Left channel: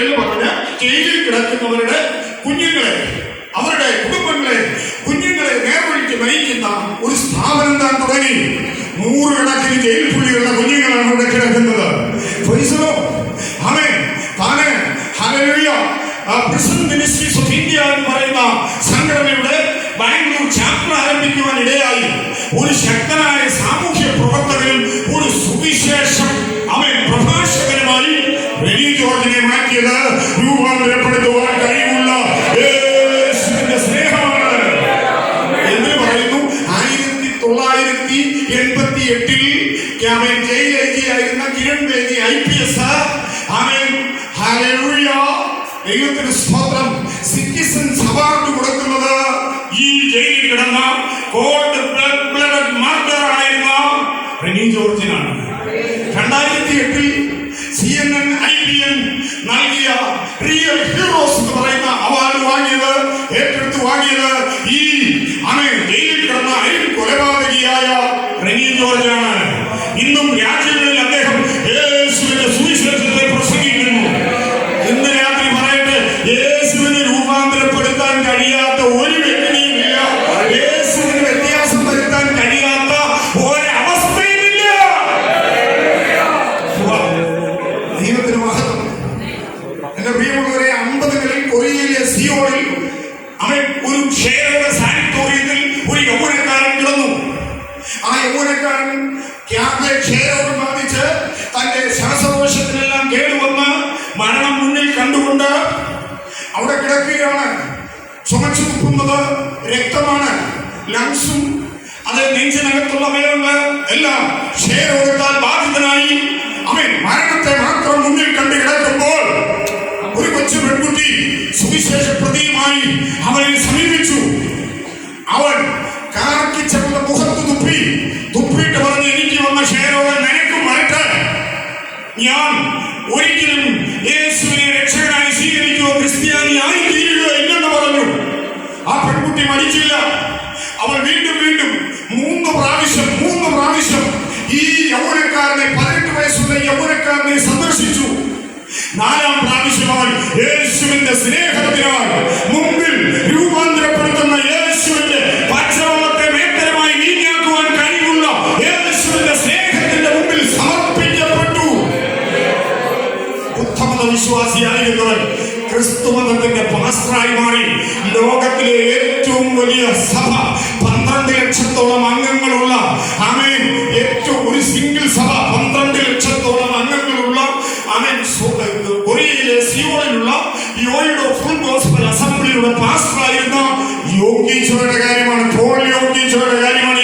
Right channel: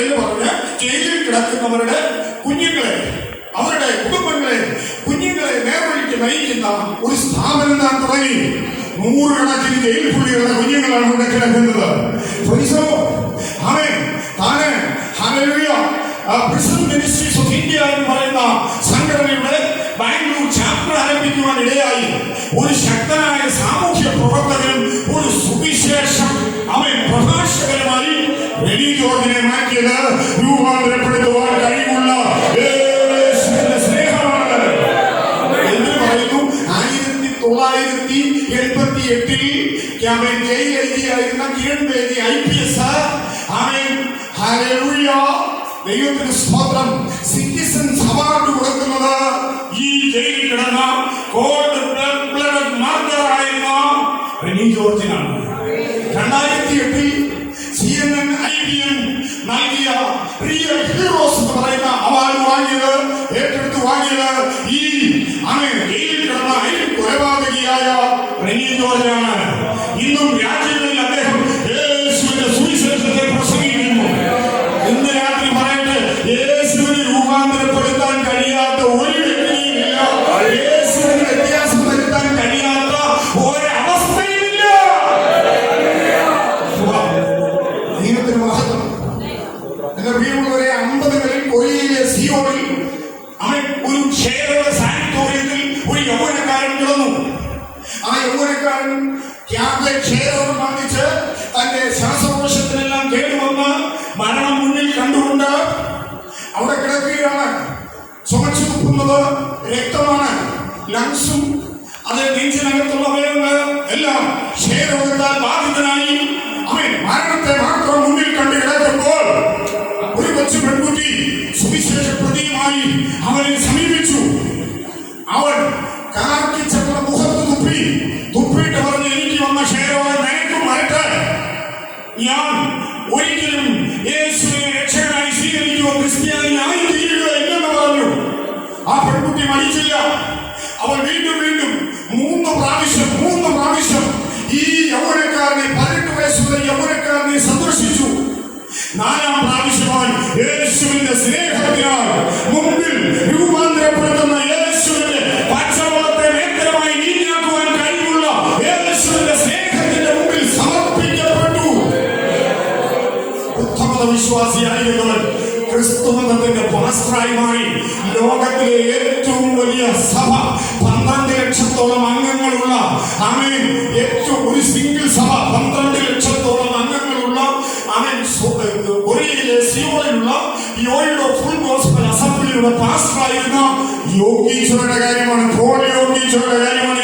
എന്ന് പറഞ്ഞ് ജയിലിൽ കിടക്കുന്നവരുടെ കുഞ്ഞുങ്ങളെ, അവരുടെ കുടുംബങ്ങളെ, കുഞ്ഞുങ്ങളെ നേർവഴിക്ക് നയിക്കുന്ന ഒരു സ്ഥാപനം താൻ തുടങ്ങി. 100 കണക്കിന് ജയിൽ പുള്ളികളുടെ കുഞ്ഞുങ്ങളാണ് അവിടെ കിടക്കുന്നത്. പ്രിസൺ മിനിസ്ട്രീസ് ഓഫ് ഇന്ത്യ എന്ന് പറയുന്ന സംഘടനയുടെ ബാംഗ്ലൂർ ചാപ്റ്റർ ആരംഭിക്കുവാൻ ഇടയായി. ഒരു ശക്തനായ സാമൂഹ്യ പ്രവർത്തകനും ഒരു സുവിശേഷം പ്രഭാഷകനുമായി റെനി ജോർജിനെ മാറ്റിയത് രൂപാന്തരപ്പെടുത്തുവാൻ കഴിവുള്ള യേശുവിന്റെ സ്നേഹമാണ് എന്ന് പറയുന്നു. 1988 ജയിൽ ഏജിയായിരുന്ന കിരൺ ബേദി IPS ദൈവത്തിന് സ്തോത്രം സിറ്റിസൺസ് അവാർഡ് കൊടുക്കുന്നത് ഈ ജയിലിൽ കിടന്ന കോൾഡ് ബ്ലഡഡ് മർഡർ ആയിരുന്ന റെനി ജോർജിനാണ്. 2008 CNN IBN നൽകിയ റിയൽ ഹീറോസ് എന്ന് പറയുന്ന അവാർഡ് ഏറ്റെടുത്ത് വാങ്ങിയത് ഈ ജയിലിൽ കിടന്ന കൊലപാതകിയായ റെനി ജോർജാണ്. ഇന്നും രാജ്യങ്ങളിൽ അദ്ദേഹം യേശുവിന്റെ സുവിശേഷത്തെ പ്രസംഗിക്കുന്നു. ഇന്ന് രാത്രി പറയട്ടെ, യേശുവിനെ രൂപാന്തരപ്പെടുത്താൻ കഴിയാത്ത ഒരു വ്യക്തിയുമില്ല. യേശുവിന് വ്യത്യാസം വരുത്താൻ കഴിയാത്ത ഒരവസ്ഥയുമില്ല. ദൈവത്തിന് മഹത്വം. എന്റെ പ്രിയമുള്ളവരെ, 50കളിൽ കൊറിയയിലെ സിയോളിൽ ഒരു ക്ഷേത്ര സാനിറ്റോറിയത്തിൽ ഒരു യൗവനക്കാരൻ കിടന്നു. ആ യൗവനക്കാരൻ ക്ഷയരോഗം ബാധിച്ച് തന്റെ ശ്വാസകോശത്തിനെല്ലാം കേടുവന്ന് മരണം മുന്നിൽ കണ്ടുകൊണ്ട് അവിടെ കിടക്കുകയാണ്. ചുമച്ചു തുപ്പുന്നത് രക്തമാണ്. ലങ്സും അത് നെഞ്ചിനകത്തുള്ള അവയവങ്ങൾ എല്ലാം ക്ഷയരോഗത്താൽ ബാധിതനായി മരണത്തെ മാത്രം മുന്നിൽ കണ്ട് കിടക്കുമ്പോൾ ഒരു കൊച്ചു പെൺകുട്ടി സുവിശേഷ പ്രതിയുമായി അവനെ സമീപിച്ചു. അവൻ കാർക്കിച്ചവരുടെ മുഖത്ത് തുപ്പിയിട്ട് പറഞ്ഞ്, എനിക്ക് വന്ന ക്ഷയരോഗം നിനക്കും വരട്ടെ. ഞാൻ ഒരിക്കലും യേശുവിനെ രക്ഷകനായി സ്വീകരിക്കുക, ക്രിസ്ത്യാനി ആയി തീരുക എന്നു പറഞ്ഞു. ആ പെൺകുട്ടി മരിച്ചില്ല. അവൾ വീണ്ടും 3 പ്രാവശ്യം ഈ യൗവനക്കാരനെ, 18 വയസ്സുള്ള യൗവനക്കാരനെ സന്ദർശിച്ചു. 4ാം പ്രാവശ്യം അവൻ യേശുവിന്റെ സ്നേഹത്തിനാൽ മുമ്പിൽ രൂപാന്തരപ്പെടുത്തുന്ന യേശുവിന്റെ പച്ചവെള്ളത്തെ മേത്തരമായി നീങ്ങിയാക്കുവാൻ കഴിവുള്ള യേശുവിന്റെ സ്നേഹത്തിന്റെ മുമ്പിൽ സമർപ്പിക്കപ്പെട്ടു. ഉത്തമത വിശ്വാസിയായിരുന്നവൻ ക്രിസ്തുമതത്തിന്റെ പാസ്റ്ററായി മാറി. ലോകത്തിലെ ഏറ്റവും വലിയ സഭ, 12 ലക്ഷത്തോളം അംഗങ്ങളുള്ള ഒരു സിംഗിൾ സഭ, 12 ലക്ഷത്തോളം അംഗങ്ങളുള്ള കൊറിയയിലെ സിയോളിലുള്ള യോയിഡോ ഫുൾ ഗോസ്പൽ അസംബ്ലിയുടെ പാസ്റ്ററായിരുന്ന യോഗീശ്വരയുടെ കാര്യമാണ്. പോൾ യോഗീശ്വരയുടെ കാര്യമാണ്